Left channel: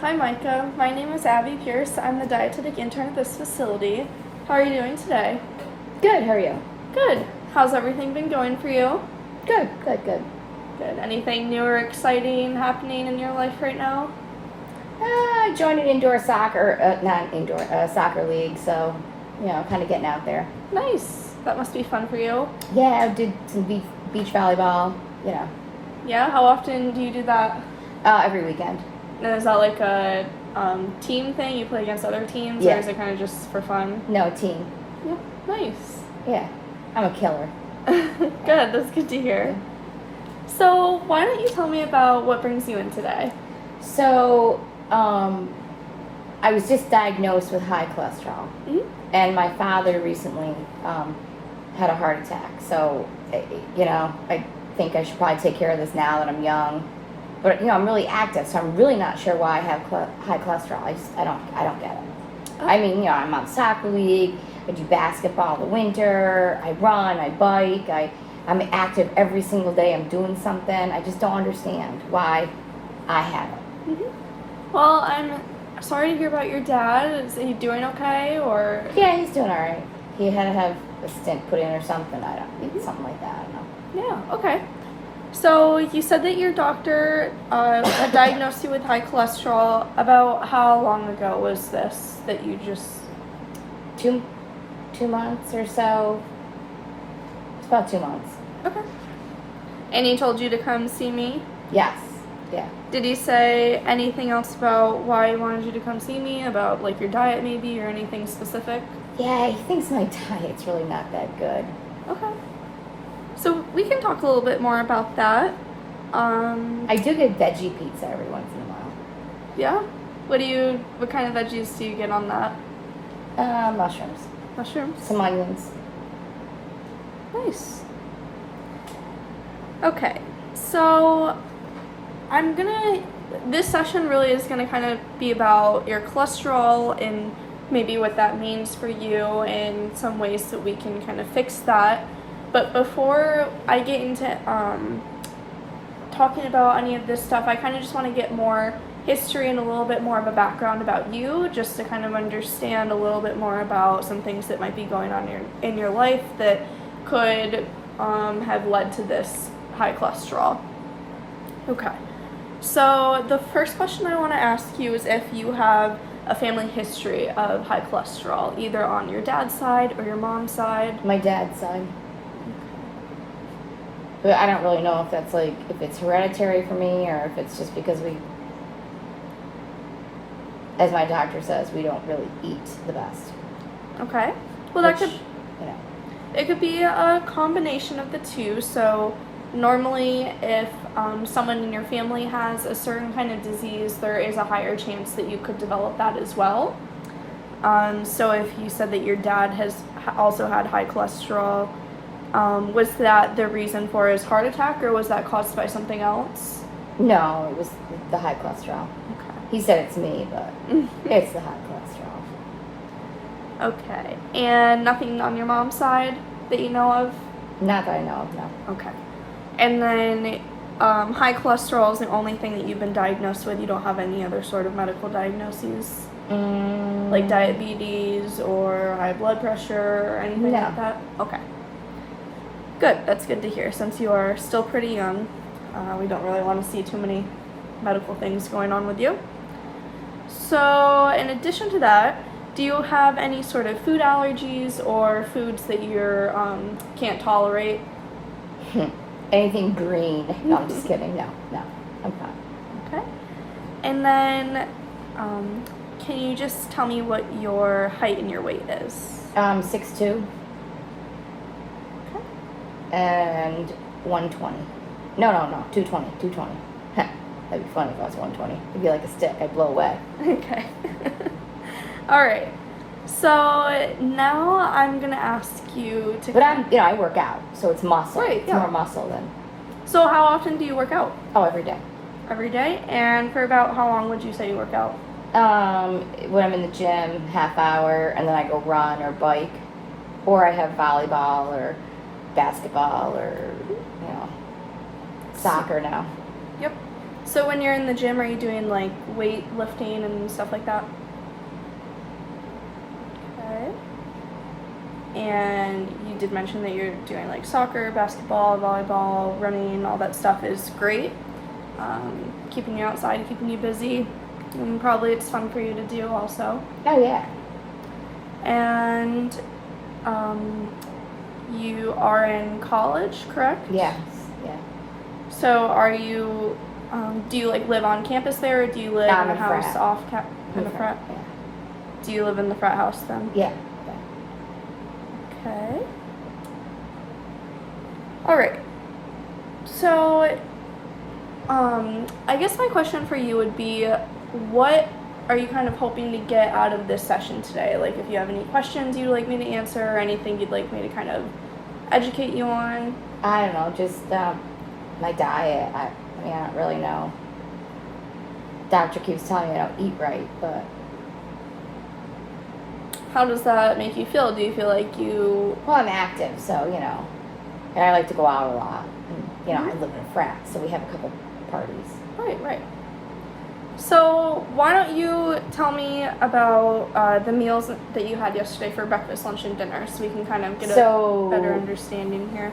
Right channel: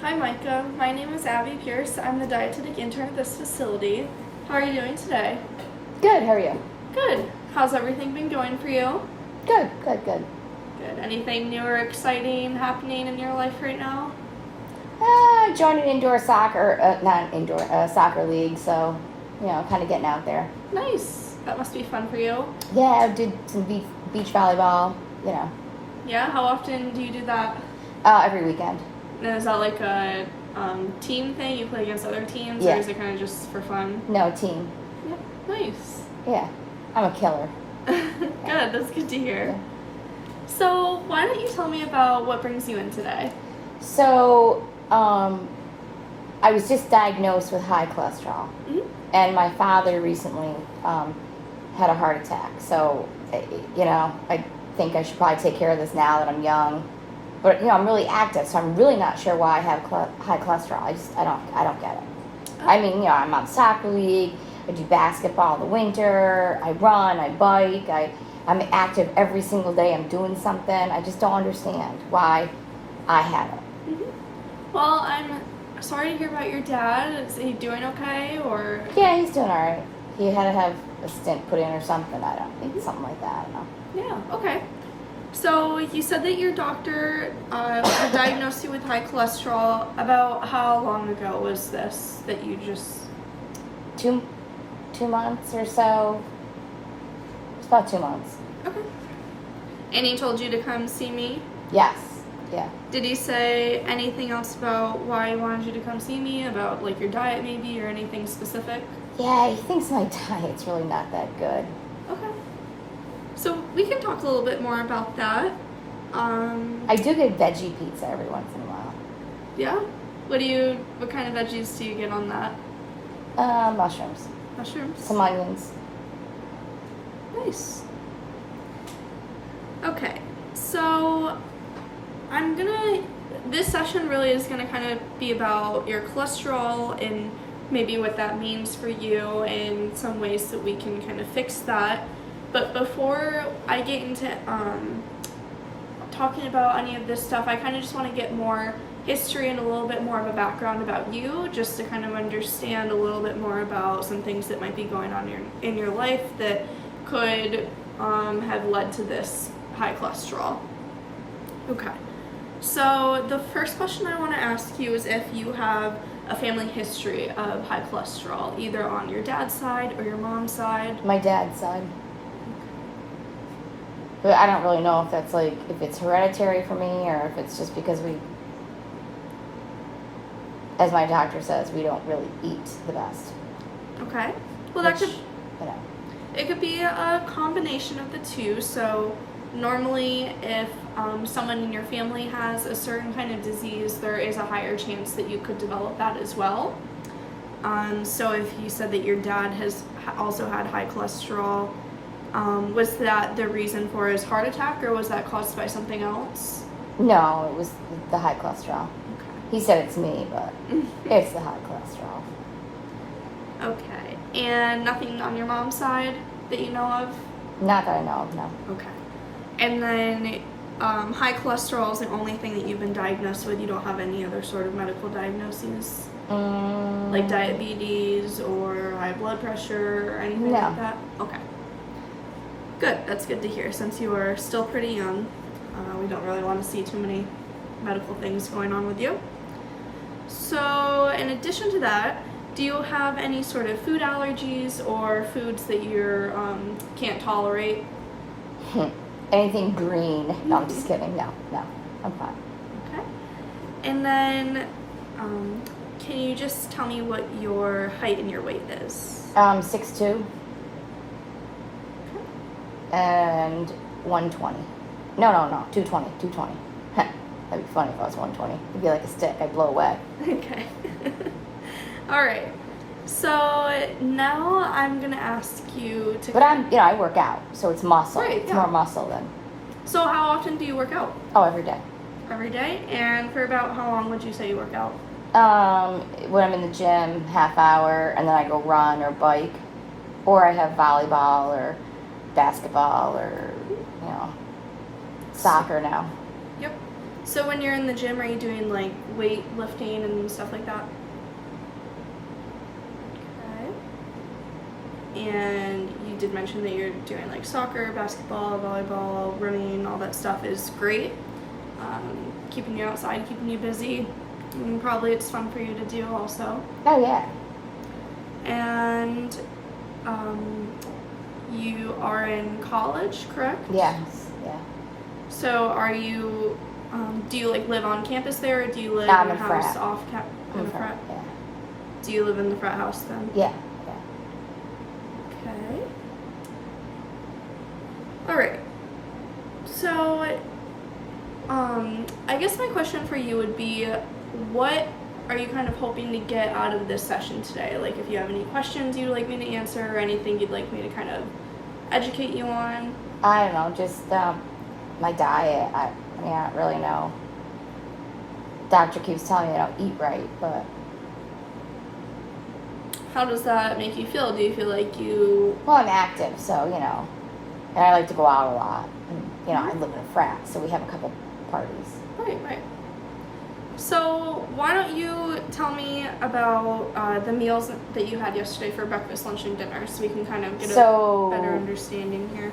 Hi, Micah. My name is Abby Pierce. I'm the dietetic intern at this facility. How are you doing today? Good, how are you? Good. How's everything been going for you? Good. Good. Anything new or exciting happening in your life right now? I joined an indoor soccer, soccer league, so, kind of getting out there. Nice. That must be fun for you. Yeah, I did some beach volleyball, Yeah? How often do you do that? every weekend. And is that like a team thing? You play against other teams? Yeah. Or is it kind of just for fun? No, team. Yep. Nice. Yeah, I'm a killer. Good. That's good to hear. So, why don't you tell me about what brings you in today? So, I was just diagnosed with high cholesterol, and my father recently had a heart attack. So, I think I should probably take care of this now that I'm young. But I'm really active, so I'm really not sure why I have high cholesterol. I don't get it. I mean, I'm on soccer league. I do basketball in the winter. I run. I bike. I'm active every single day. I'm doing something. I just don't understand why I have it. Well, I'm sorry to hear about your dad. Is he doing okay, or? Yeah, he's doing all right. He had to have a stent put in or something. I don't think something like that. I don't know. Yeah. Okay. So you said that your doctor diagnosed you with high cholesterol. About how long ago was this that you just? 2 months or so. It's about 2 months. Okay. And he told you to come see me? Yes. Yeah. Did he say anything else about why he wanted you to come see me? About like your diet maybe, or anything specific? Yeah, he thinks my diet's really not that good. Okay. So we can talk a little bit more about that. I do get veggie pizza every once in a while. Yeah? What kind of veggies do you get on that? Mushrooms. Mushrooms? Some onions. Nice. Okay, so this session really is gonna kind of be about your cholesterol and maybe what that means for you and some ways that we can kind of fix that. But before I get into talking about any of this stuff, I kind of just want to get more history and a little bit more of a background about you, just to kind of understand a little bit more about some things that might be going on in your life that could have led to this high cholesterol. Okay. So the first question I want to ask you is if you have a family history of high cholesterol, either on your dad's side or your mom's side. My dad's side. But I don't really know if it's hereditary for me or if it's just because as my doctor says, we don't really eat the best. Okay. Well, it could be a combination of the two. So normally if someone in your family has a certain kind of disease, there is a higher chance that you could develop that as well. So if you said that your dad has also had high cholesterol, was that the reason for his heart attack, or was that caused by something else? No, it was the high cholesterol. Okay. He said it's me, but it's the high cholesterol. Okay. And nothing on your mom's side that you know of? Not that I know of, no. Okay. And then high cholesterol is the only thing that you've been diagnosed with? You don't have any other sort of medical diagnoses? Like diabetes or high blood pressure or anything like that? Okay. Good. That's good to hear. Since you are still pretty young, we don't really want to see too many medical things going on with you. So in addition to that, do you have any sort of food allergies or foods that you can't tolerate? Anything green. No, I'm just kidding. No, I'm fine. Okay. And then can you just tell me what your height and your weight is? 6'2". Okay. And 120. No, 220. That'd be funny if I was 120. It'd be like a stick. I'd blow away. Okay. All right. So now I'm gonna ask you to. But I work out, so it's muscle. Right, it's yeah. more muscle than. So how often do you work out? Oh, every day. Every day? And for about how long would you say you work out? When I'm in the gym, half hour, and then I go run or bike, or I have volleyball or basketball or soccer now. Yep. So when you're in the gym, are you doing like weight lifting and stuff like that? Okay. And you did mention that you're doing like soccer, basketball, volleyball, running, all that stuff is great. Keeping you outside, keeping you busy. And probably it's fun for you to do also. Oh, yeah. And you are in college, correct? Yes, yeah. So are you, do you like live on campus there, or do you live in a house frat. off in the frat? Yeah. Do you live in the frat house then? Yeah. Okay. All right. So, I guess my question for you would be, what are you kind of hoping to get out of this session today? Like, if you have any questions you'd like me to answer, or anything you'd like me to kind of educate you on? I don't know, just my diet. I don't really know. Doctor keeps telling me I don't eat right, but How does that make you feel? Do you feel like you... well, I'm active, so and I like to go out a lot. And I live in a frat, so we have a couple parties. Right. So why don't you tell me about the meals that you had yesterday for breakfast, lunch, and dinner, so we can kind of get a better understanding here.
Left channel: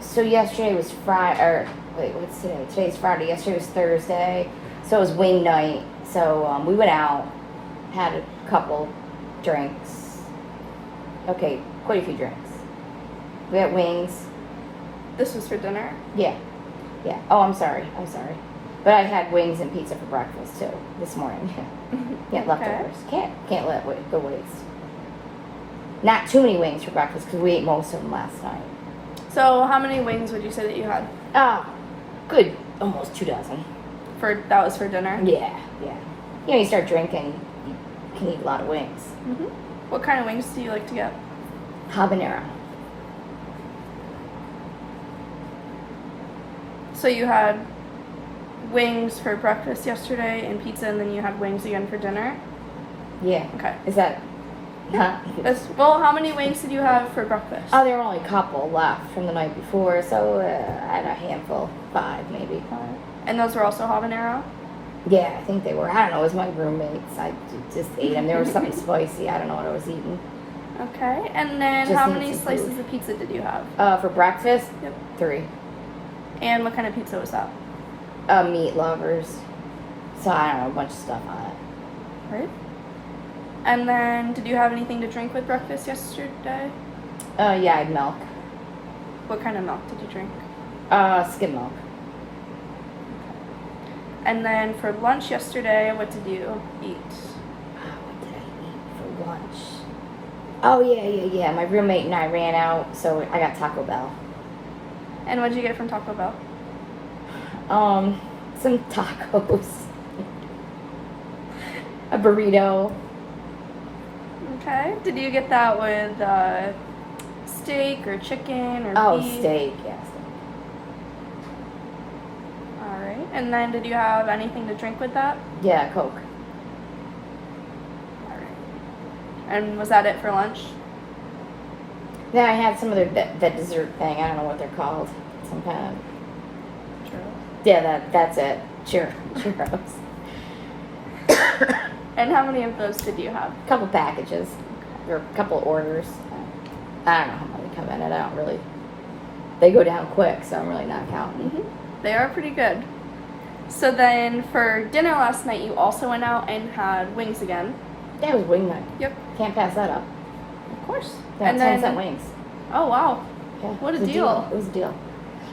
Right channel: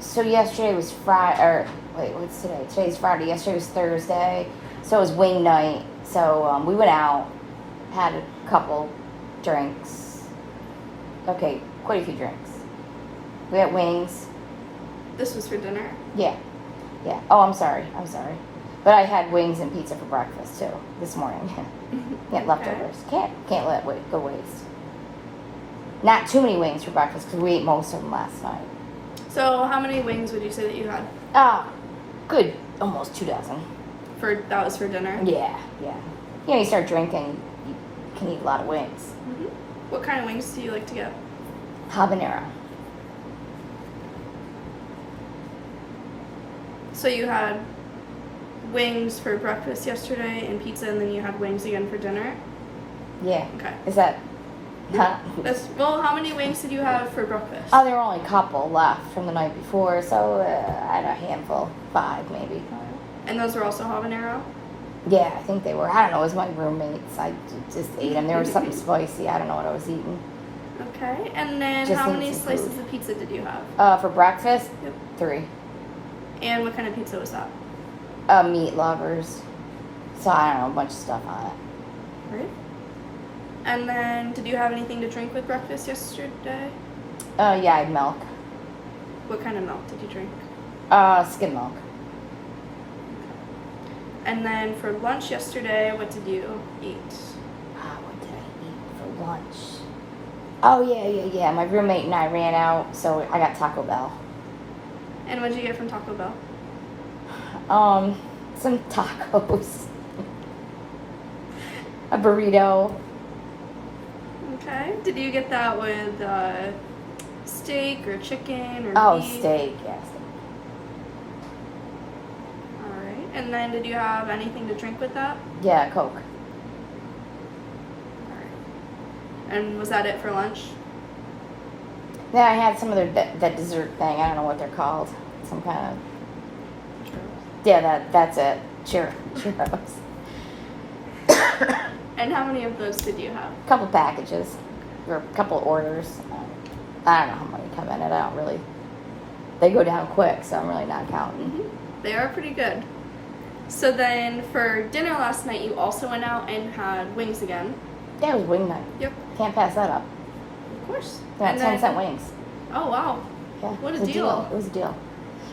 So yesterday was Friday, or wait, what's today? Today's Friday. Yesterday was Thursday, so it was wing night. So we went out, had a couple drinks. Okay, quite a few drinks. We had wings. This was for dinner? Yeah. Oh, I'm sorry. But I had wings and pizza for breakfast too this morning. Yeah, leftovers. Can't let it go waste. Not too many wings for breakfast because we ate most of them last night. So how many wings would you say that you had? Good, almost 2 dozen. That was for dinner? Yeah. You start drinking, you can eat a lot of wings. Mm-hmm. What kind of wings do you like to get? Habanero. So you had wings for breakfast yesterday and pizza, and then you had wings again for dinner? Yeah. Okay. Is that not? Well, how many wings did you have for breakfast? Oh, there were only a couple left from the night before, so I had a handful, 5 maybe. And those were also habanero? Yeah, I think they were. I don't know. It was my roommates. I just ate them. There was something spicy. I don't know what I was eating. Okay. And then Just how need many some slices food. of pizza did you have? For breakfast, Yep. 3. And what kind of pizza was that? Meat lovers. So I don't know, a bunch of stuff on it. Right. And then, did you have anything to drink with breakfast yesterday? Yeah, I had milk. What kind of milk did you drink? Skim milk. And then for lunch yesterday, what did you eat? What did I eat for lunch? Oh, yeah. My roommate and I ran out, so I got Taco Bell. And what did you get from Taco Bell? Some tacos. A burrito. Okay. Did you get that with steak or chicken or beef? Steak, yes. All right. And then did you have anything to drink with that? Yeah, Coke. All right. And was that it for lunch? Then I had some other that dessert thing. I don't know what they're called. Some kind of. Yeah, that's it. Churros. And how many of those did you have? A couple packages, or a couple orders. I don't know how many come in. I don't really. They go down quick, so I'm really not counting. Mm-hmm. They are pretty good. So then for dinner last night, you also went out and had wings again. Yeah, it was wing night. Yep. Can't pass that up. Of course. Yeah, And 10-cent wings. Oh, wow. Yeah, What a it was deal. It was a deal.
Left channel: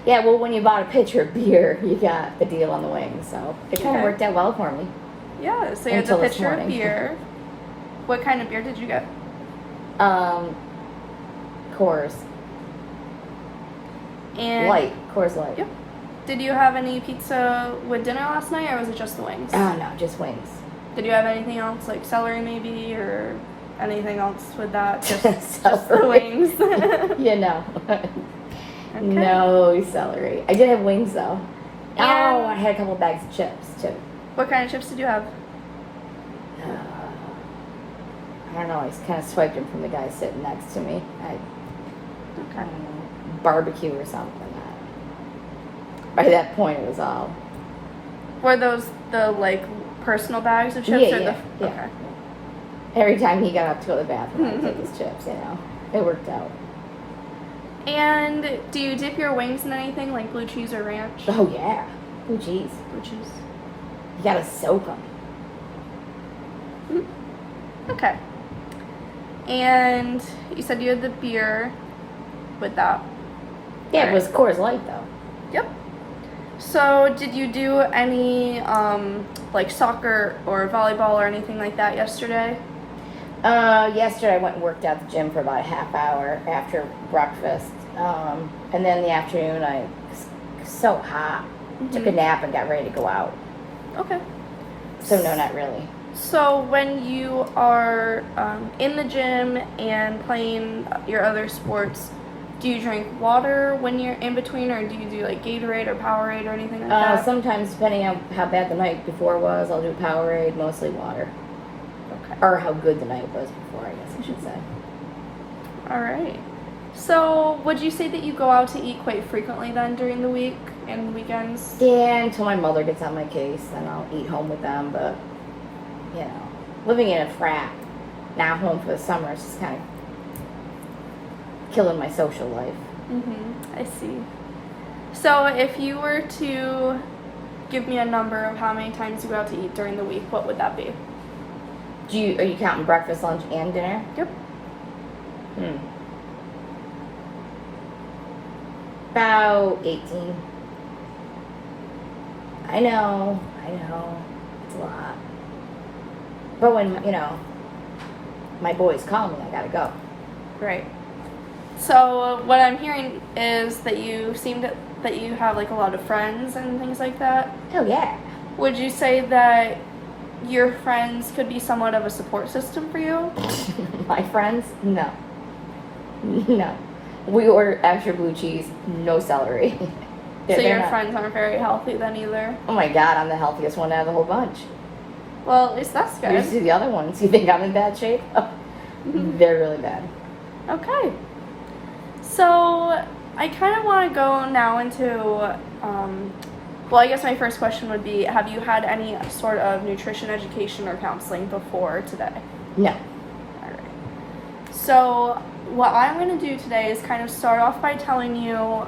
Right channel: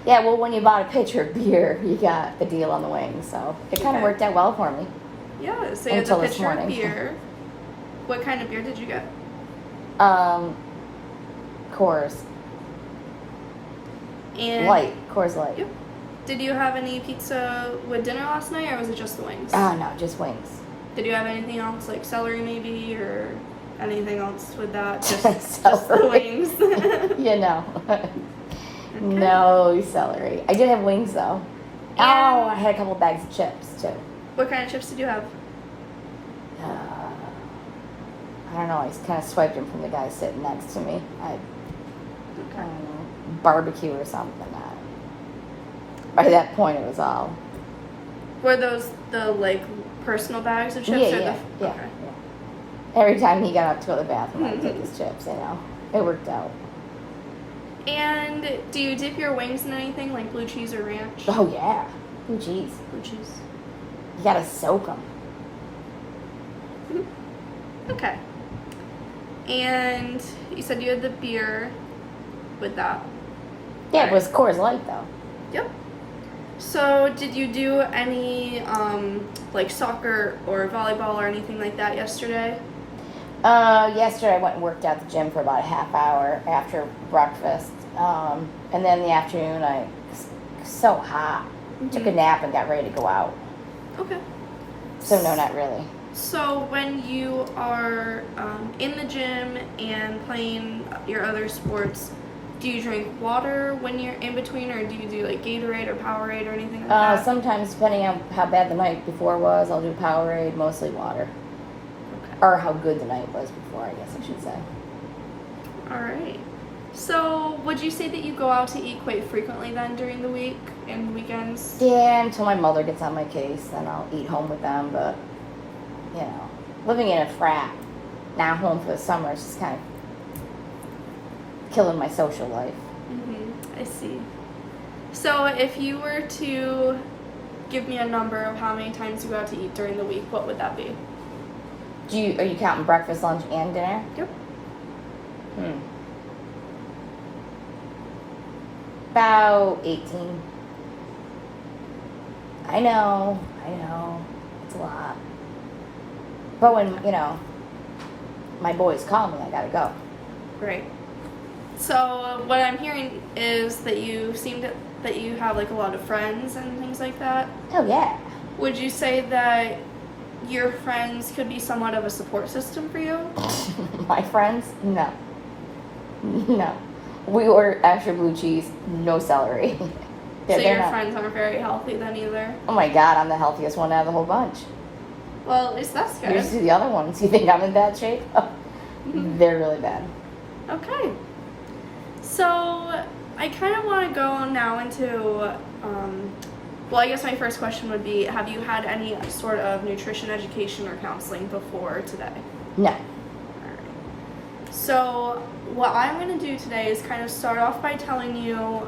Yeah, well, when you bought a pitcher of beer, you got the deal on the wings, so it kind of Okay. worked out well for me. Yeah, so you had Until the this pitcher of morning. beer. What kind of beer did you get? Coors And Light. Coors Light. Yep. Did you have any pizza with dinner last night, or was it just the wings? No, just wings. Did you have anything else, like celery maybe, or anything else with that? Just the Celery. wings. You know. No celery. I did have wings though. Yeah. Oh, I had a couple bags of chips too. What kind of chips did you have? I don't know. I just kind of swiped them from the guy sitting next to me. I don't know, barbecue or something. By that point, it was all Were those the like personal bags of chips? Yeah, or yeah, the, yeah, okay. yeah. Every time he got up to go to the bathroom, I'd take his chips, you know. It worked out. And do you dip your wings in anything like blue cheese or ranch? Oh, yeah. Oh, jeez. Blue cheese. You gotta soak them. Okay. And you said you had the beer with that. Yeah, it was Coors Light, though. Yep. So, did you do any like soccer or volleyball or anything like that yesterday? Yesterday I went and worked out at the gym for about a half hour after breakfast. And then in the afternoon I was so hot. Took a nap and got ready to go out. Okay. So no, not really. So when you are in the gym and playing your other sports, do you drink water when you're in between, or do you do like Gatorade or Powerade or anything like that? Sometimes, depending on how bad the night before was, I'll do Powerade, mostly water. Okay. Or how good the night was before, I guess I should say. All right. So would you say that you go out to eat quite frequently then during the week and weekends? Yeah, until my mother gets on my case, then I'll eat home with them. But, you know, living in a frat, now home for the summer, is just kind of killing my social life. I see. So if you were to give me a number of how many times you go out to eat during the week, what would that be? Are you counting breakfast, lunch, and dinner? Yep. About 18. I know. It's a lot. But when, you know, my boys call me, I gotta go. Great. So what I'm hearing is that you that you have like a lot of friends and things like that. Oh, yeah. Would you say that your friends could be somewhat of a support system for you? My friends? No. No. We order extra blue cheese, no celery. So your not- friends aren't very healthy then either? Oh my God, I'm the healthiest one out of the whole bunch. Well, at least that's You good. see the other ones, you think I'm in bad shape? They're really bad. Okay. So I kind of want to go now into, well, I guess my first question would be, have you had any sort of nutrition education or counseling before today? No. Alright. So what I'm going to do today is kind of start off by telling you,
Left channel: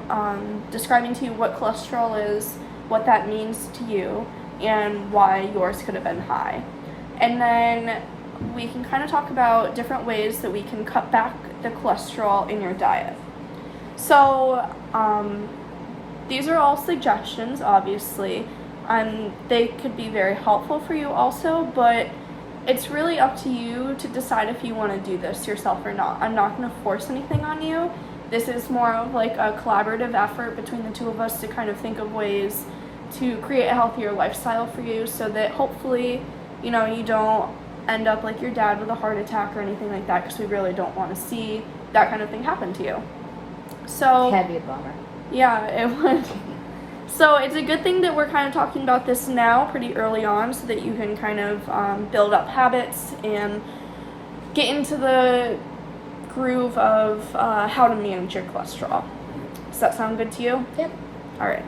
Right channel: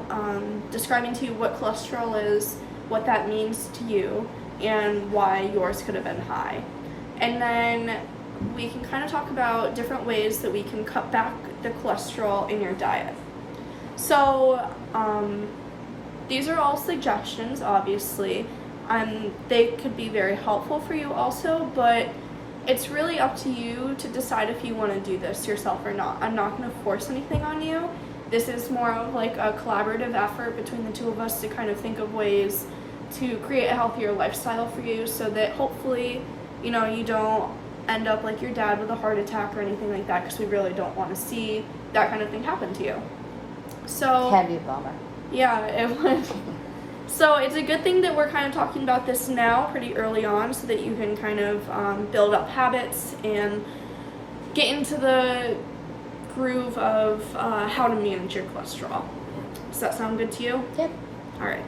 describing to you what cholesterol is, what that means to you, and why yours could have been high. And then we can kind of talk about different ways that we can cut back the cholesterol in your diet. So these are all suggestions, obviously. They could be very helpful for you also, but it's really up to you to decide if you want to do this yourself or not. I'm not going to force anything on you. This is more of like a collaborative effort between the two of us to kind of think of ways to create a healthier lifestyle for you, so that hopefully, you know, you don't end up like your dad with a heart attack or anything like that, because we really don't want to see that kind of thing happen to you. So That'd be a bummer. yeah, it would. So it's a good thing that we're kind of talking about this now pretty early on, so that you can kind of build up habits and get into the groove of how to manage your cholesterol. Does that sound good to you? Yep. All right.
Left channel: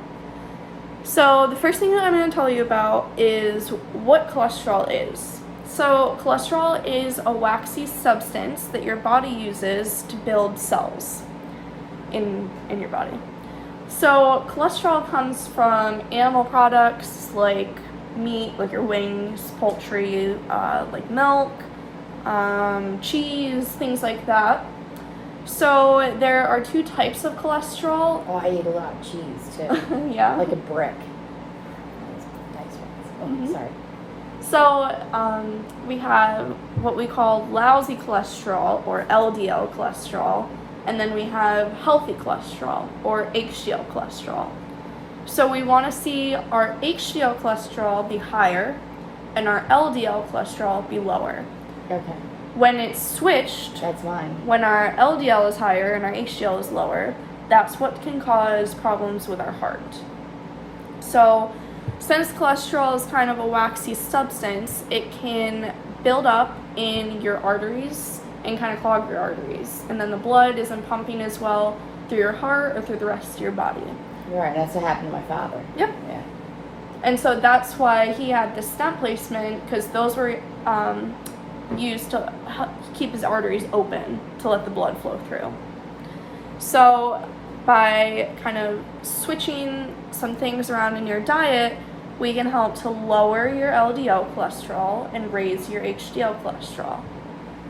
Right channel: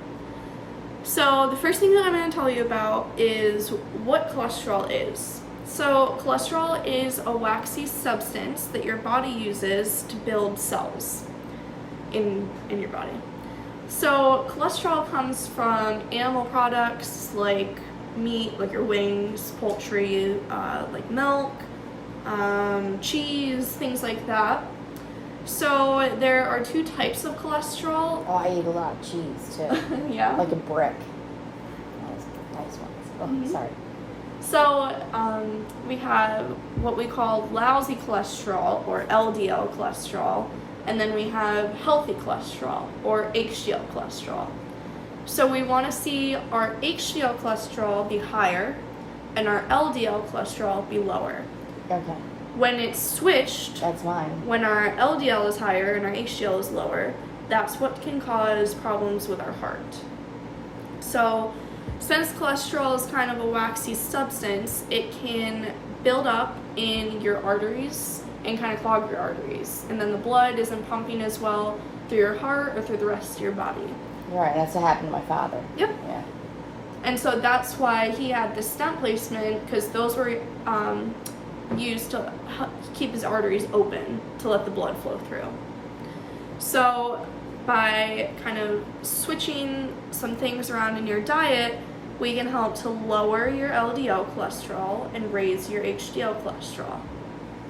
So the first thing that I'm going to tell you about is what cholesterol is. So cholesterol is a waxy substance that your body uses to build cells in your body. So cholesterol comes from animal products like meat, like your wings, poultry, like milk, cheese, things like that. So there are two types of cholesterol. Oh, I eat a lot of cheese too. Yeah. Like a brick. Nice ones. Oh, sorry. So we have what we call lousy cholesterol, or LDL cholesterol, and then we have healthy cholesterol, or HDL cholesterol. So we want to see our HDL cholesterol be higher and our LDL cholesterol be lower. Okay. When it's switched, That's mine. when our LDL is higher and our HDL is lower, that's what can cause problems with our heart. So since cholesterol is kind of a waxy substance, it can build up in your arteries and kind of clog your arteries. And then the blood isn't pumping as well through your heart or through the rest of your body. You're right, that's what happened to my father. Yep. Yeah. And so that's why he had the stent placement, because those were used to keep his arteries open to let the blood flow through. So by kind of switching some things around in your diet, we can help to lower your LDL cholesterol and raise your HDL cholesterol.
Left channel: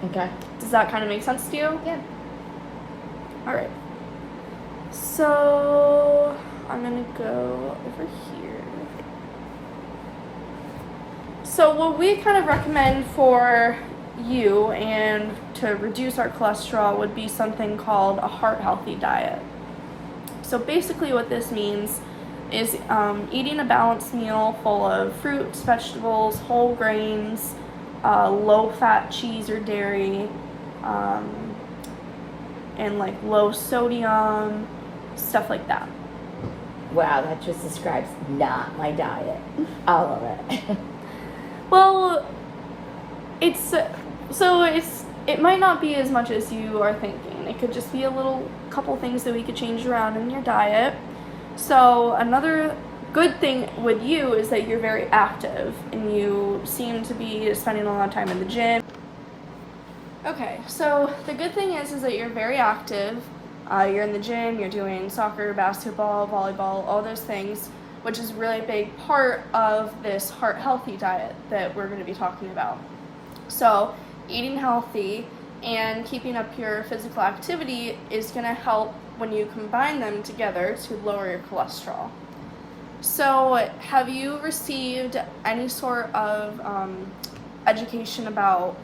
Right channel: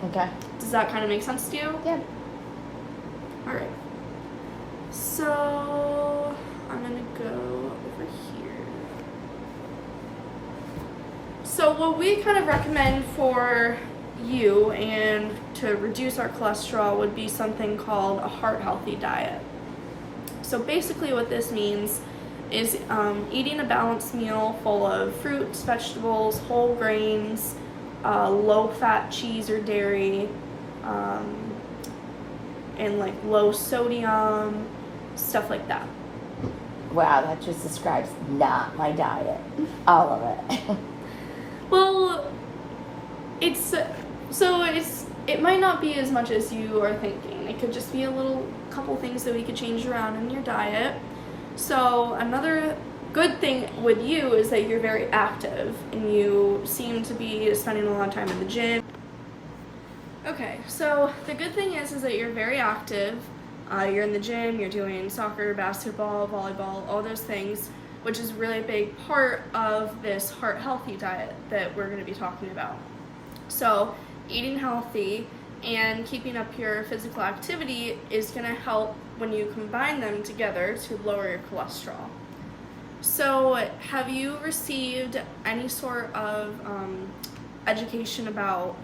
Okay. Does that kind of make sense to you? Yeah. All right. So I'm gonna go over here. So what we kind of recommend for you and to reduce our cholesterol would be something called a heart healthy diet. So basically what this means is eating a balanced meal full of fruits, vegetables, whole grains, low fat cheese or dairy, and like low sodium, stuff like that. Wow, that just describes not my diet. All of it. Well, it might not be as much as you are thinking. It could just be a couple things that we could change around in your diet. So another good thing with you is that you're very active and you seem to be spending a lot of time in the gym. Okay, so the good thing is that you're very active. You're in the gym, you're doing soccer, basketball, volleyball, all those things, which is a really big part of this heart healthy diet that we're going to be talking about. So eating healthy and keeping up your physical activity is going to help when you combine them together to lower your cholesterol. So have you received any sort of education about,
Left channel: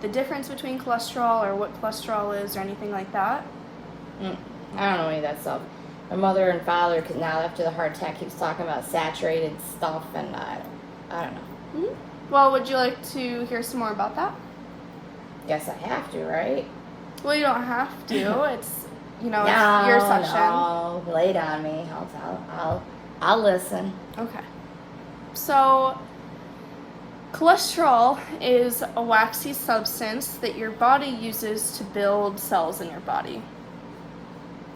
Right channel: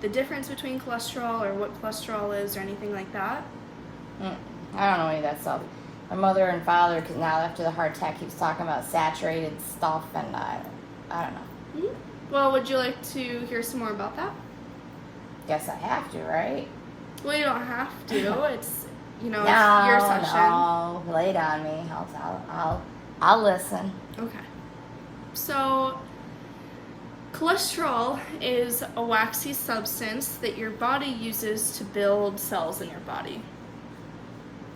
the difference between cholesterol or what cholesterol is or anything like that? I don't know any of that stuff. My mother and father, because now after the heart attack, keeps talking about saturated stuff, and I don't know. Mm-hmm. Well, would you like to hear some more about that? Guess I have to, right? Well, you don't have to. It's No, it's your session. no, lay it on me. I'll listen. Okay. So, cholesterol is a waxy substance that your body uses to build cells in your body.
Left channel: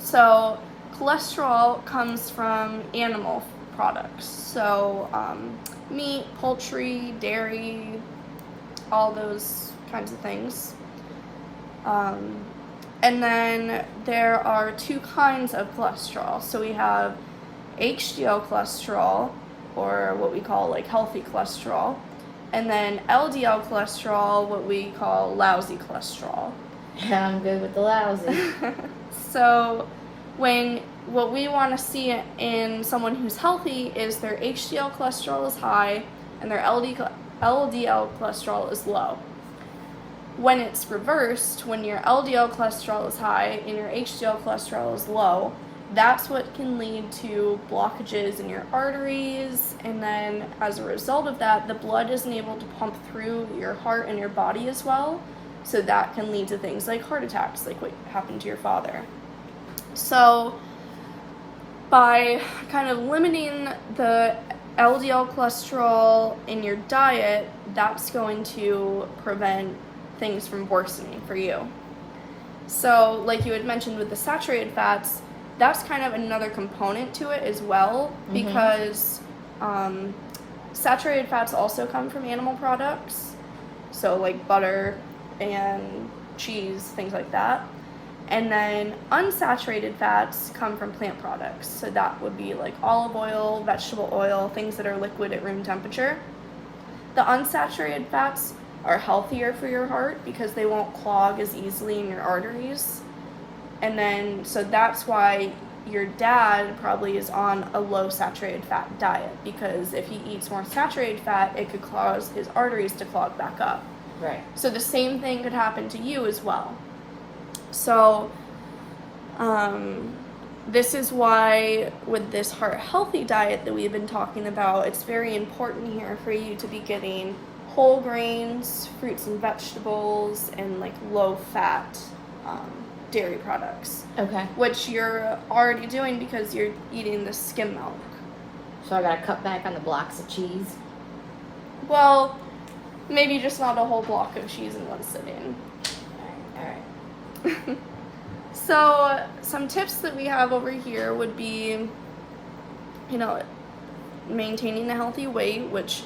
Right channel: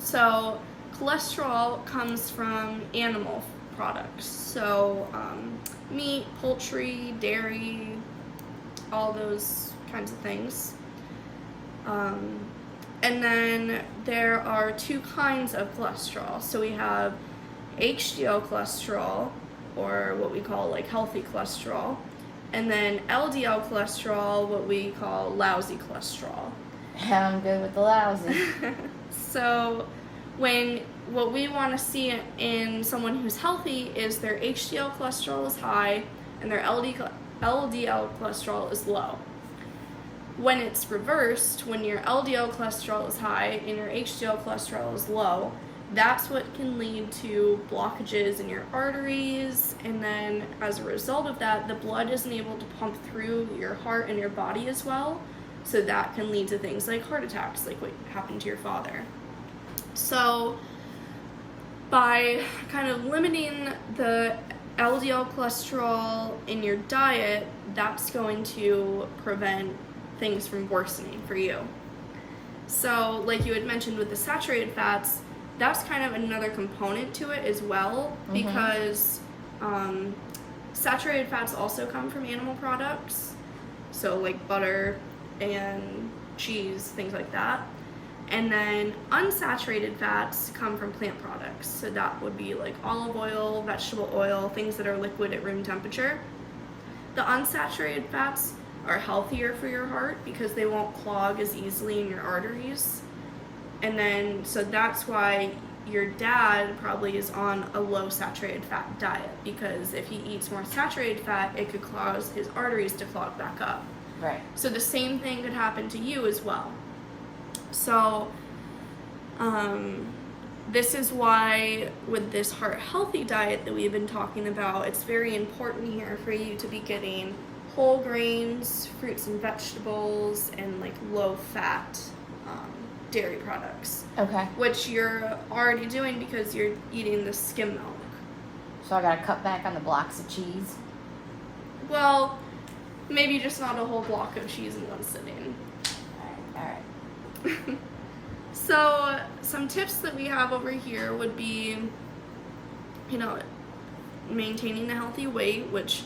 So, cholesterol comes from animal products. So, meat, poultry, dairy, all those kinds of things. And then there are two kinds of cholesterol. So we have HDL cholesterol, or what we call like healthy cholesterol, and then LDL cholesterol, what we call lousy cholesterol. Yeah, I'm good with the lousy. So what we want to see in someone who's healthy is their HDL cholesterol is high and their LDL cholesterol is low. When it's reversed, when your LDL cholesterol is high and your HDL cholesterol is low, that's what can lead to blockages in your arteries, and then as a result of that, the blood isn't able to pump through your heart and your body as well, so that can lead to things like heart attacks, like what happened to your father. So by kind of limiting the LDL cholesterol in your diet, that's going to prevent things from worsening for you. So like you had mentioned with the saturated fats, that's kind of another component to it as well, because saturated fats also come from animal products, so like butter and cheese, things like that. And then unsaturated fats come from plant products, so that would be like olive oil, vegetable oil, things that are liquid at room temperature. The unsaturated fats are healthier for your heart because they won't clog as easily in your arteries. And then, so that's why your dad probably is on a low saturated fat diet, because if he eats more saturated fat, it could cause his arteries to clog back up. Right. So the same thing could happen to you as well. So, this is why with this heart healthy diet that we've been talking about, it's very important here for you to be getting whole grains, fruits and vegetables, and like low fat dairy products. Okay. Which you're already doing because you're eating the skim milk. So I gotta cut back on the blocks of cheese? Well, maybe just not a whole block of cheese in one sitting. Alright. So some tips that we have over here would be, maintaining a healthy weight, which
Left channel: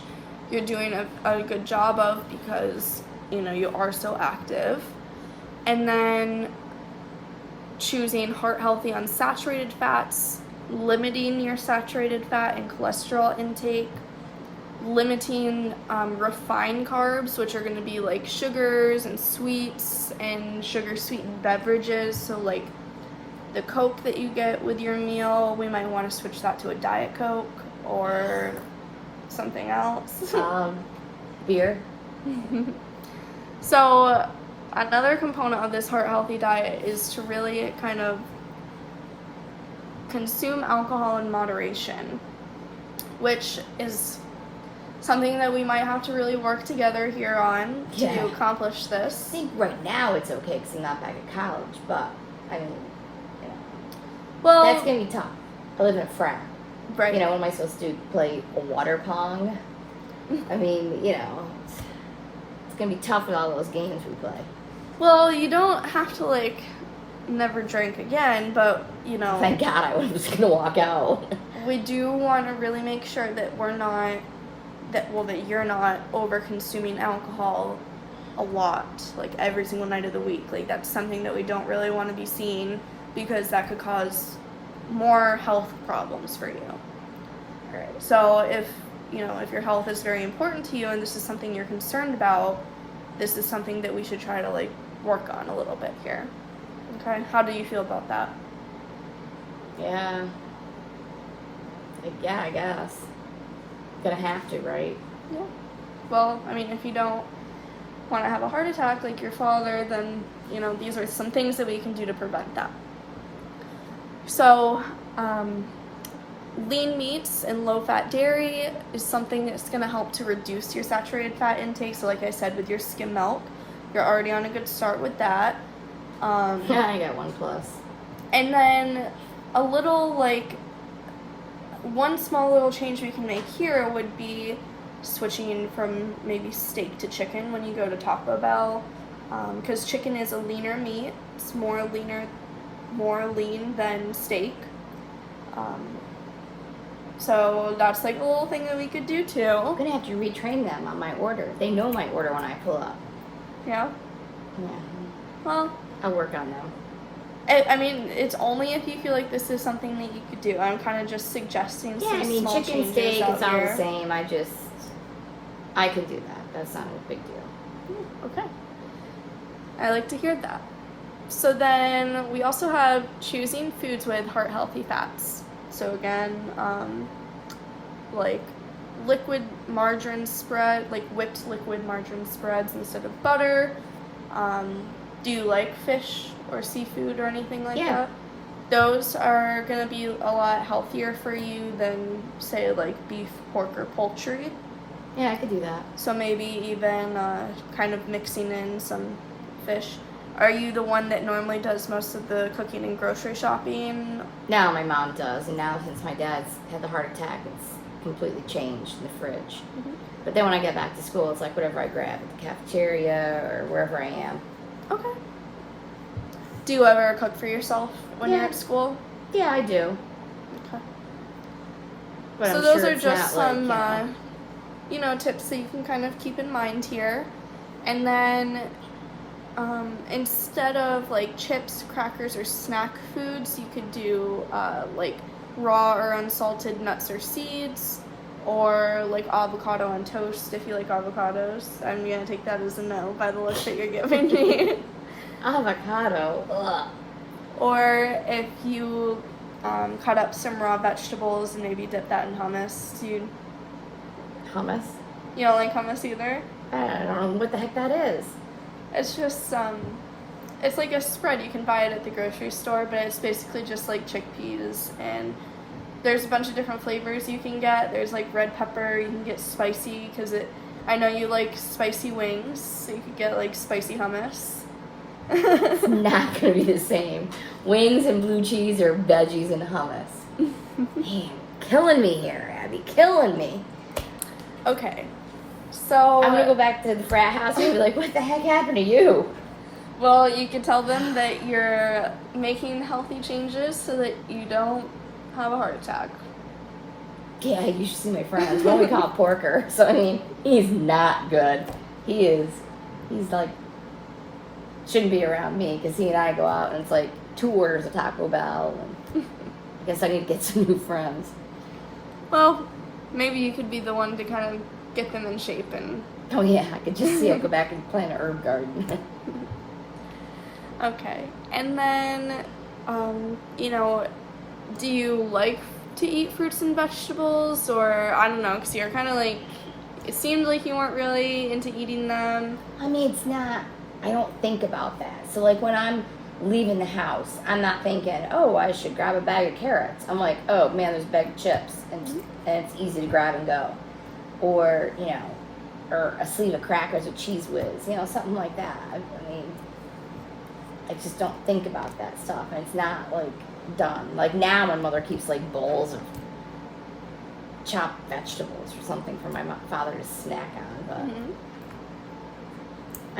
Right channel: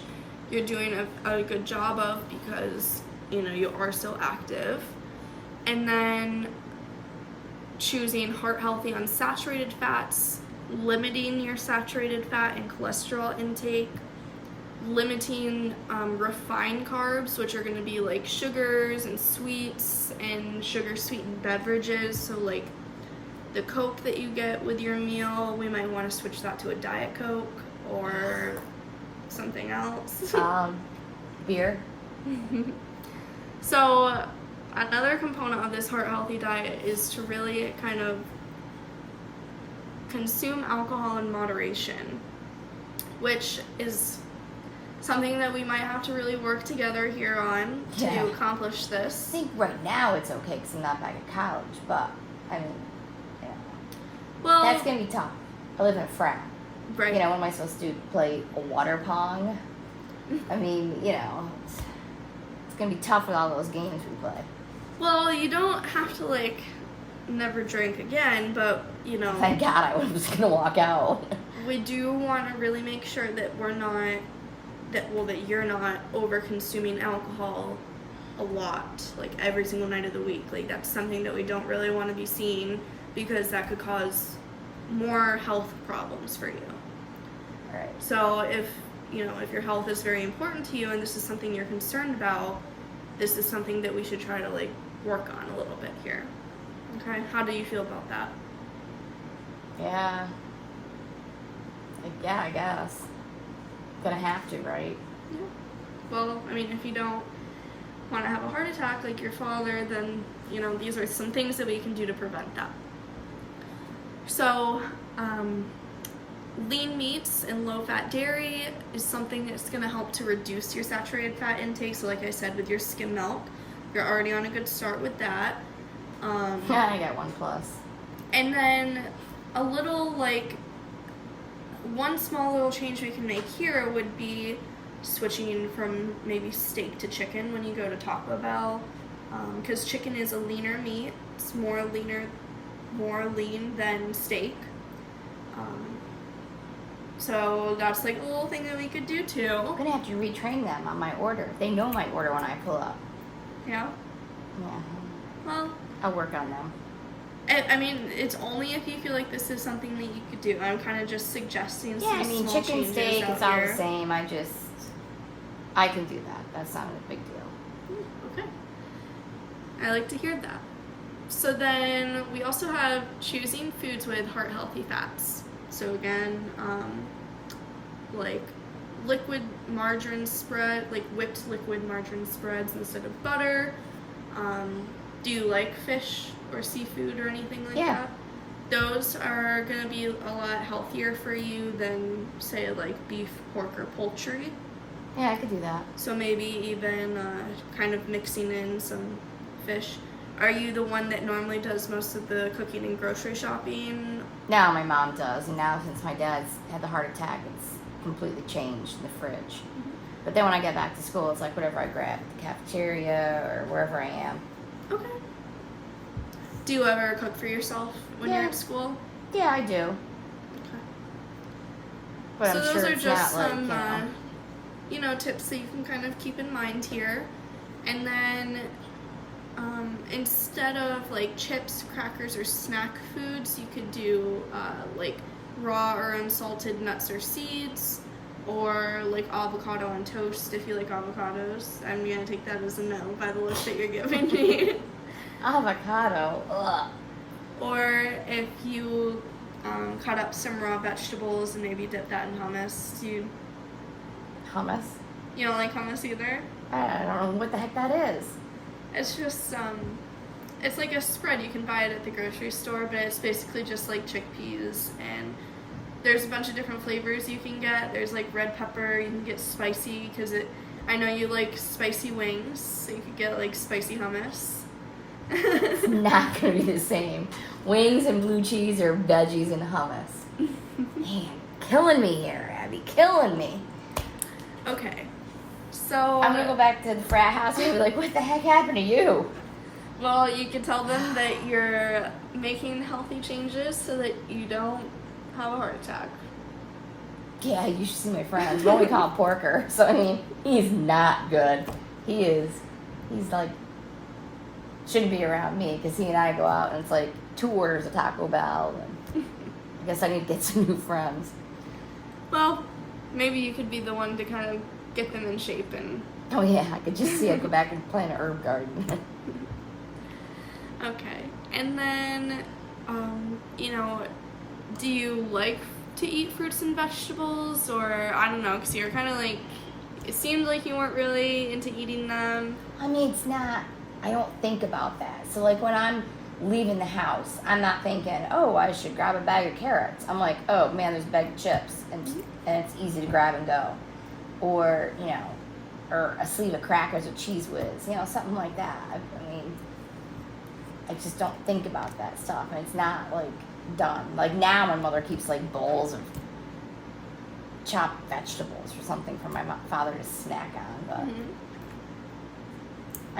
you're doing a good job of because, you are so active. And then choosing heart healthy unsaturated fats, limiting your saturated fat and cholesterol intake, limiting refined carbs, which are going to be like sugars and sweets and sugar sweetened beverages. So like the Coke that you get with your meal, we might want to switch that to a Diet Coke or something else. Beer. So another component of this heart healthy diet is to really kind of consume alcohol in moderation, which is something that we might have to really work together here on to accomplish I this. think right now it's okay because I'm not back at college, but I mean, Well, that's gonna be tough. I live in a frat. right. What am I supposed to do? Play a water pong? I mean, it's gonna be tough with all those games we play. Well, you don't have to like never drink again, but Thank God I was just gonna walk out. we do want to really make sure that that you're not over consuming alcohol a lot, like every single night of the week. Like that's something that we don't really want to be seeing because that could cause more health problems for you. Right. So if your health is very important to you and this is something you're concerned about, this is something that we should try to like work on a little bit here. Okay, how do you feel about that? Yeah. I guess. Gonna have to, right? Yeah. Well, I mean, if you don't want to have a heart attack like your father, then, these are some things that we can do to prevent that. So, lean meats and low-fat dairy is something that's going to help to reduce your saturated fat intake. So like I said, with your skim milk, you're already on a good start with that. I got 1+. And then a little, one small little change we can make here would be switching from maybe steak to chicken when you go to Taco Bell. Because chicken is a leaner meat. It's more lean than steak. So that's like a little thing that we could do too. I'm gonna have to retrain them on my order. They know my order when I pull up. Yeah. Yeah. Well, I'll work on them. I mean, it's only if you feel like this is something that you could do. I'm kind of just suggesting Yeah, some I mean, small chicken changes steak, out it's all here. the same. I can do that. That's not a big deal. Okay. I like to hear that. So then we also have choosing foods with heart healthy fats. So again, like liquid margarine spread, like whipped liquid margarine spreads instead of butter. Do you like fish or seafood or anything like that? Those are going to be a lot healthier for you than, say, like beef, pork, or poultry. Yeah, I could do that. So maybe even kind of mixing in some fish. Are you the one that normally does most of the cooking and grocery shopping? Now my mom does, and now since my dad's had the heart attack, it's completely changed in the fridge. But then when I get back to school, it's like whatever I grab at the cafeteria or wherever I am. Okay. Do you ever cook for yourself when you're at school? Yeah, I do. Okay. But So I'm those sure are it's just not some, like, tips that you can kind of keep in mind here. And then instead of like chips, crackers, or snack foods, you could do like raw or unsalted nuts or seeds, or like avocado on toast if you like avocados. I'm gonna take that as a no by the list that you're giving me. avocado. Ugh. Or if you cut up some raw vegetables and maybe dip that in hummus. Hummus? You don't like hummus either? I don't know what the heck that is. It's just it's like a spread. You can buy it at the grocery store, but it's basically just like chickpeas, and there's a bunch of different flavors you can get. There's like red pepper. You can get spicy because I know you like spicy wings, so you could get like spicy hummus. It's not gonna be the same. Wings and blue cheese or veggies and hummus. Man, killing me here, Abby. Killing me. Okay, so I'm gonna go back to the frat house and be like, what the heck happened to you? Well, you can tell them that you're making healthy changes so that you don't have a heart attack. yeah, you should see my friends. We only call him Porker. So, I mean, he's not good. He's like, shouldn't be around me because he and I go out and it's like 2 orders of Taco Bell. And I guess I need to get some new friends. Well, maybe you could be the one to kind of get them in shape and... Oh, yeah, I could just see him go back and plant an herb garden. Okay. And then, you know, do you like to eat fruits and vegetables? Or, I don't know, because you're kind of like, it seemed like you weren't really into eating them. I mean, it's not, I don't think about that. So, like, when I'm leaving the house, I'm not thinking, oh, I should grab a bag of carrots. I'm like, oh, man, there's a bag of chips. And it's easy to grab and go. Or, you know, or a sleeve of crackers with Cheese Whiz. You know, something like that. I mean, I just don't think about that stuff. And it's not, like, done. Like, now my mother keeps, like, bowls of chopped vegetables or something for my father to snack on. But,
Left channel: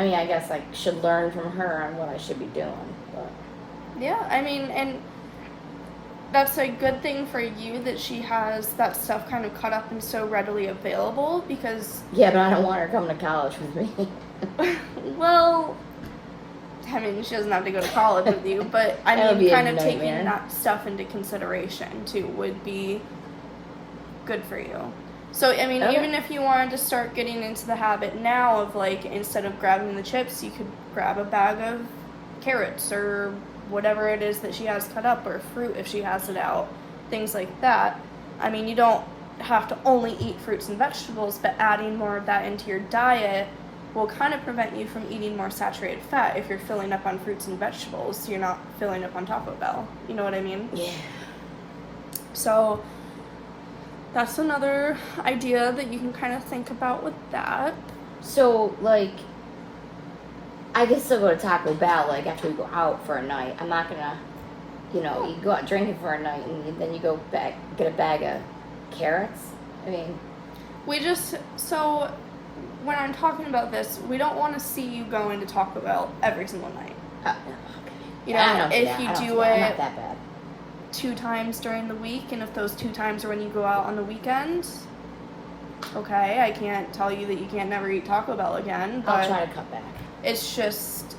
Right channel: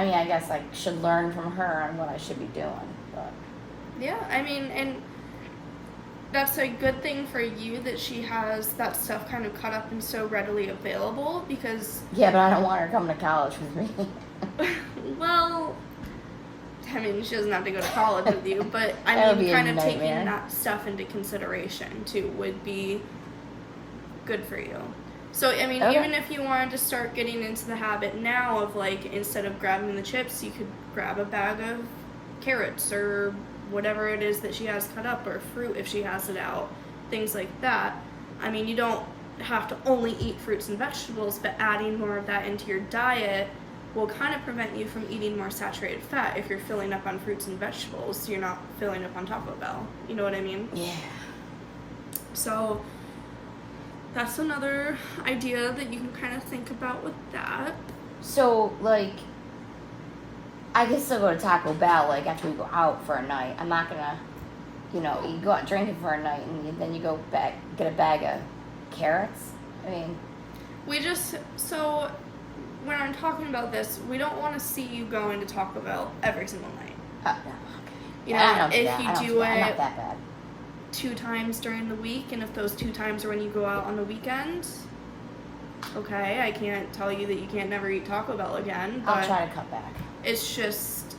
I mean, I guess I should learn from her on what I should be doing. But. Yeah, I mean, and that's a good thing for you that she has that stuff kind of cut up and so readily available because... Yeah, but I don't want her to come to college with me. Well, I mean, she doesn't have to go to college with you, but I mean, kind of taking that stuff into consideration, too, would be good for you. So, I mean, even if you wanted to start getting into the habit now of, like, instead of grabbing the chips, you could grab a bag of carrots or whatever it is that she has cut up, or fruit if she has it out, things like that. I mean, you don't have to only eat fruits and vegetables, but adding more of that into your diet will kind of prevent you from eating more saturated fat. If you're filling up on fruits and vegetables, you're not filling up on Taco Bell. You know what I mean? Yeah. So that's another idea that you can kind of think about with that. So, like, I can still go to Taco Bell, like, after we go out for a night. I'm not gonna, you know, you go out drinking for a night and then you go back, get a bag of carrots. I mean... So, when I'm talking about this, we don't want to see you go into Taco Bell every single night. Okay. You know, I don't if you do I'm it not that bad. 2 times during the week, and if those 2 times are when you go out on the weekends, okay, I can't tell you that you can't never eat Taco Bell again. But I'll try to cut back. It's just,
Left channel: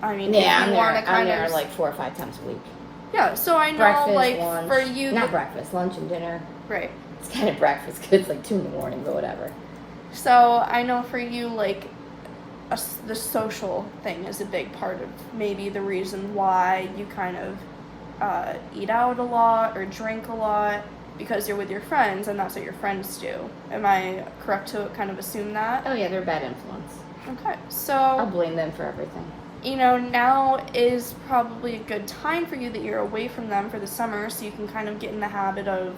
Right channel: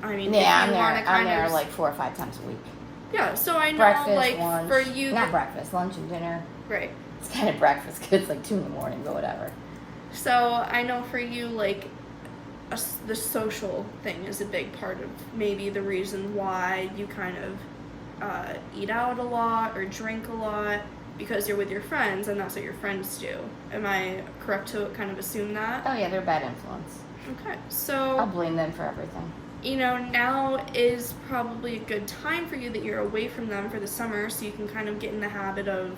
I mean, yeah, I'm there like 4 or 5 times a week. Yeah, so I know, breakfast, like, lunch, for you... Not breakfast, lunch and dinner. Right. It's kind of breakfast because it's like 2 in the morning, but whatever. So I know for you, like, the social thing is a big part of maybe the reason why you kind of eat out a lot or drink a lot, because you're with your friends and that's what your friends do. Am I correct to kind of assume that? Oh yeah, they're a bad influence. Okay, so... I'll blame them for everything. You know, now is probably a good time for you that you're away from them for the summer, so you can kind of get in the habit of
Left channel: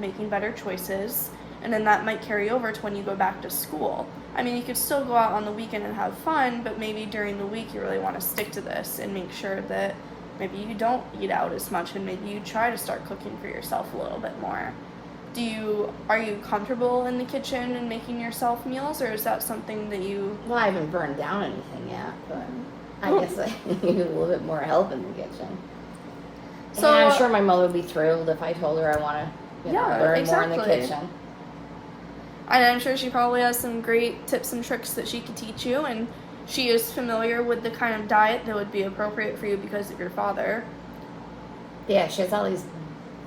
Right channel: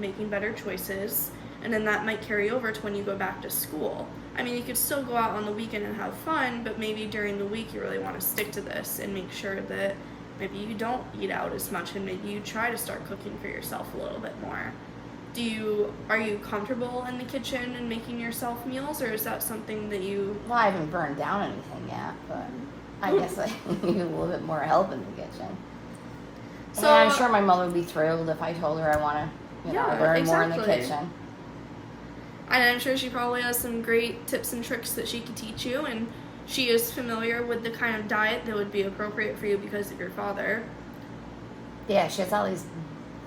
making better choices, and then that might carry over to when you go back to school. I mean, you could still go out on the weekend and have fun, but maybe during the week you really want to stick to this and make sure that maybe you don't eat out as much, and maybe you try to start cooking for yourself a little bit more. Are you comfortable in the kitchen and making yourself meals, or is that something that you... Well, I haven't burned down anything yet, but I guess I need a little bit more help in the kitchen. So, and I'm sure my mother would be thrilled if I told her I want to learn more in the kitchen. And I'm sure she probably has some great tips and tricks that she could teach you, and she is familiar with the kind of diet that would be appropriate for you because of your father. Yeah, she has all these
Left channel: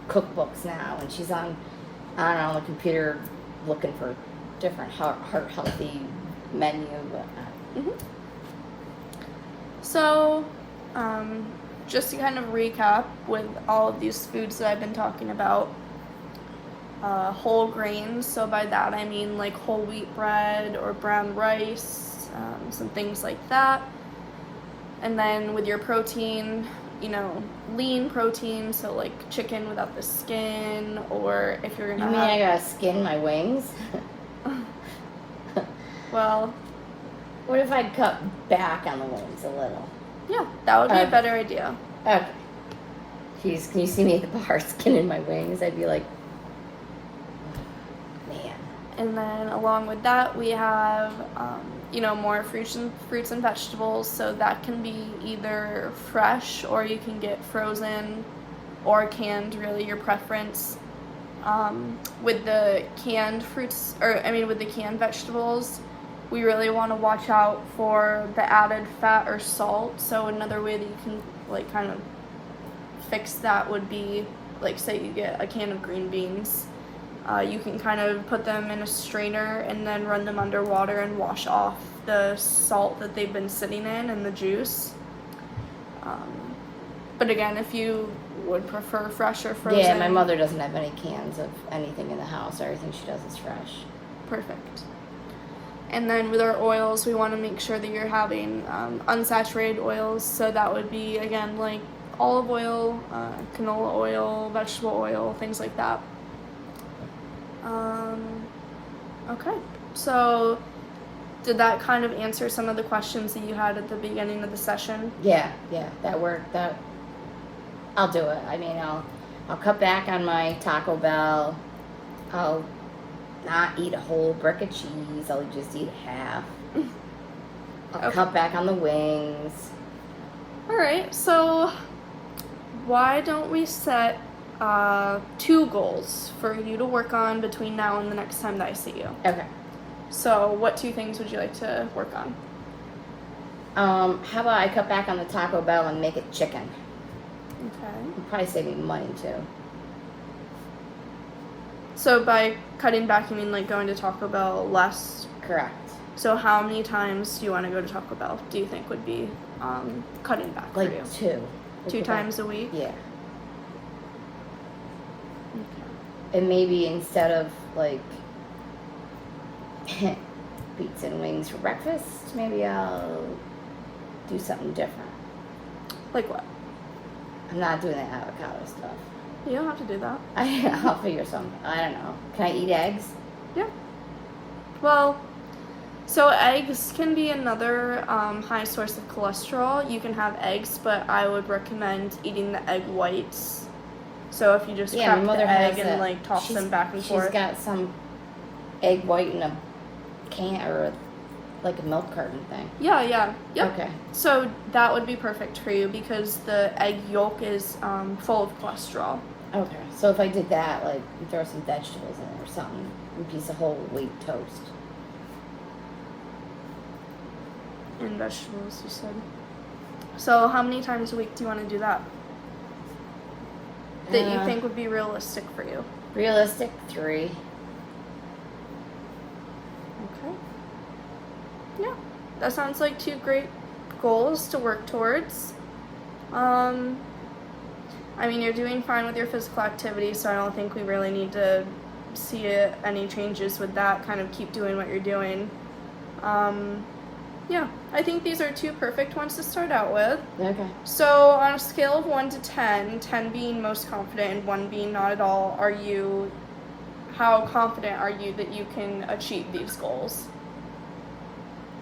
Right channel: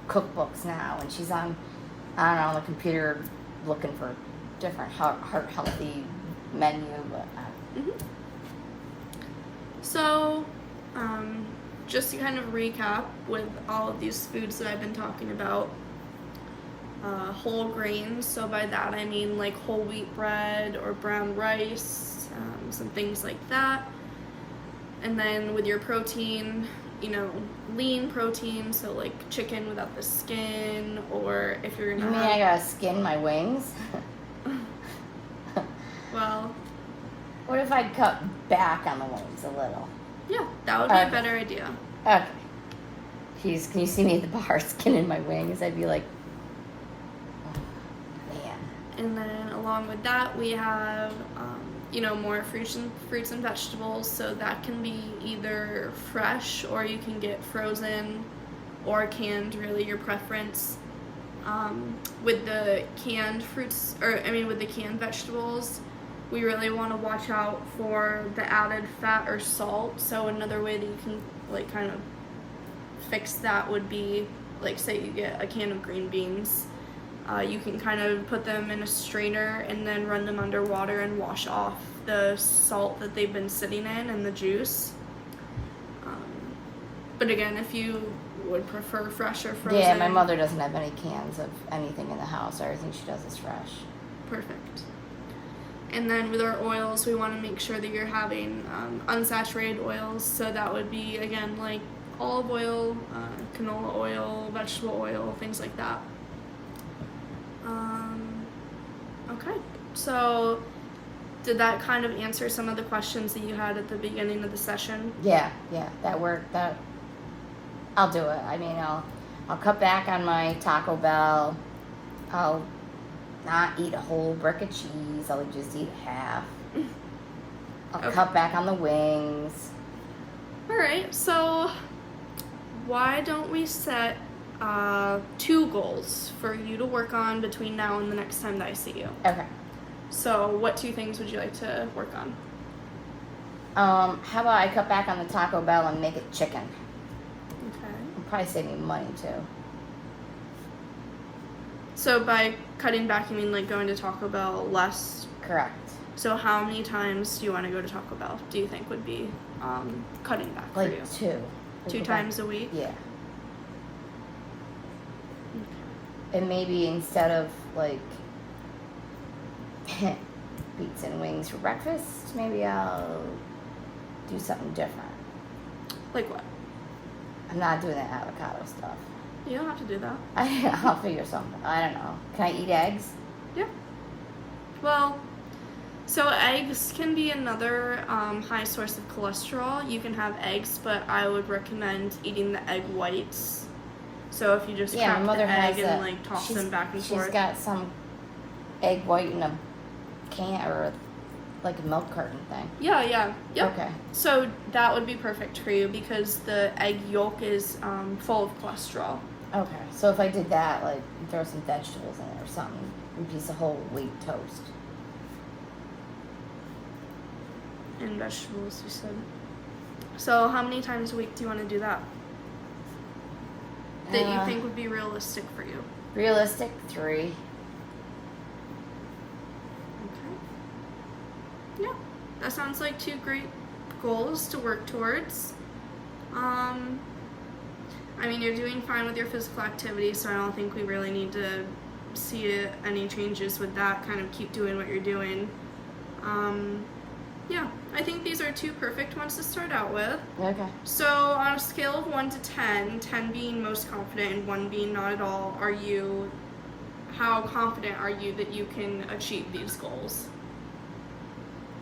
cookbooks now, and she's on the computer looking for different heart-healthy menu. But, So, just to kind of recap with all of these foods that I've been talking about, whole grains, so by that I mean like whole wheat bread or brown rice, some things like that. And then with your protein, you know, lean protein, so like chicken without the skin, or if you're gonna I gotta skin my wings? Well, what if I cut back on the wings a little? Yeah, that would be a better idea. Okay. Can you see me at the bar skinning my wings? I'd be like, man. And then along with that, we have, more fruits and vegetables. So that can be either fresh, or you can get frozen or canned, really your preference. with the canned fruits, with the canned vegetables, we really want to watch out for the added fat or salt. So another way that you can like kind of fix that would be, like, say you get a can of green beans, you can kind of put them in a strainer and then run them under water and wash off the salt that they've been sitting in and the juice. But again, if you would prefer fresh or frozen. Yeah, my mother doesn't have any cans of anything in the house. Everything she does is fresh. Perfect. And then with our oils, we want to make sure that you're having unsaturated oils. So that would be, again, like olive oil, canola oil, vegetable oil, things like that. Okay, so did that kind of answer some of the questions that you had at the beginning of the session? Yeah, that worked. I'll do it. I mean, I'll cut back on my Taco Bell. I'll not eat a whole brick of cheese. I'll just eat half. I'll cut back on the wings. All right, so why don't we set 2 goals for you to work on between now and the next time that I see you? Okay. So what 2 things would you like to work on? How about I cut back on the Taco Bell and make it chicken? Okay. It'll probably save me money too. So by cutting back, you mean like going to Taco Bell less? Correct. So how many times do you want to go to Taco Bell, do you think would be cutting back for Like you? 2. 2 times a week? Yeah. Okay. And maybe instead of like pizza and wings for breakfast, maybe I'll do something different. Like what? I'm not doing that avocado stuff. You don't have to do that. I'll figure something. I don't know. Can I eat eggs? Yeah. Well, so eggs can be another high source of cholesterol. You can have eggs, but I would recommend eating the egg whites. So if you just Yeah, crack my mother the egg has and a- like toss she's- them back and forth. She's got some egg white in a can or like a milk carton thing. Yeah. Yep. Okay. So that would be perfect for you because the egg yolk is full of cholesterol. Okay. So if I did that, like throw some vegetables in it or something, a piece of whole wheat toast. And vegetables, you said. So how many times a week do you want to do that? That you think would be realistic for you? Realistic 3. Okay. Yeah, that sounds like 2 great goals to work towards. I mean, you're doing fine with your physical activity, so I don't think we really need to see any changes with that. Kind of keep doing what you're doing. Yeah, I think these are 2 perfect ones to start out with. Okay. So on a scale of 1 to 10, 10 being most confident and 1 being not at all, how confident are you that you can achieve these goals?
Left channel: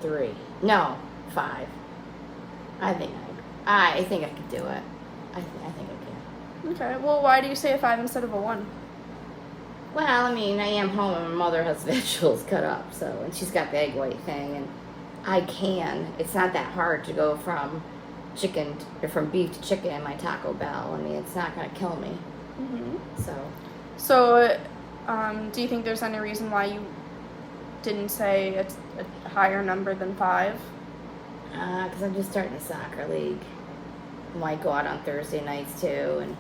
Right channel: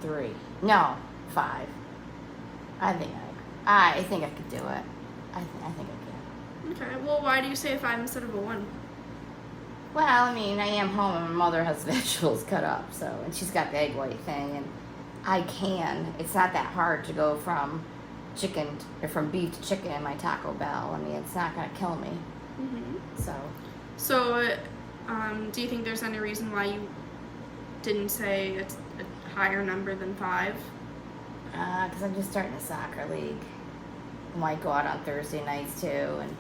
3. No, 5. I think I could do it. I think I can. Okay, well, why do you say a 5 instead of a 1? Well, I mean, I am home and my mother has vegetables cut up, so, and she's got the egg white thing, and it's not that hard to go from beef to chicken in my Taco Bell. I mean, it's not going to kill me. Mm-hmm. So, do you think there's any reason why you didn't say it's a higher number than 5? because I'm just starting a soccer league. I might go out on Thursday nights too, and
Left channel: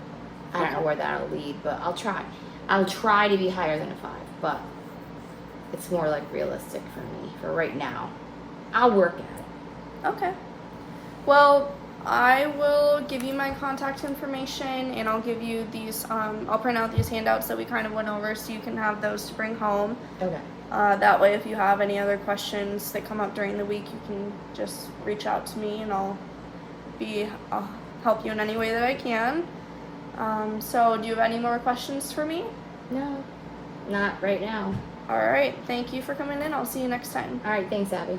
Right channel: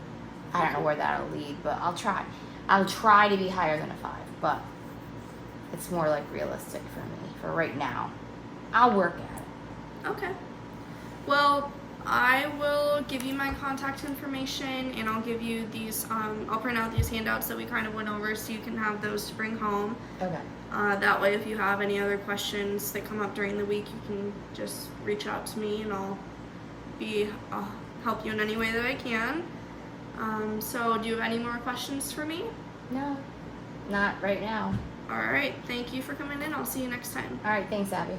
I don't know where that'll lead, but I'll try. I'll try to be higher than a 5, but it's more like realistic for me for right now. I'll work at it. Okay. Well, I will give you my contact information, and I'll give you these, I'll print out these handouts that we kind of went over so you can have those to bring home. Okay. That way, if you have any other questions that come up during the week, you can just reach out to me, and I'll help you in any way that I can. So do you have any more questions for me? No, not right now. All right. Thank you for coming in. I'll see you next time. All right, thanks, Abby.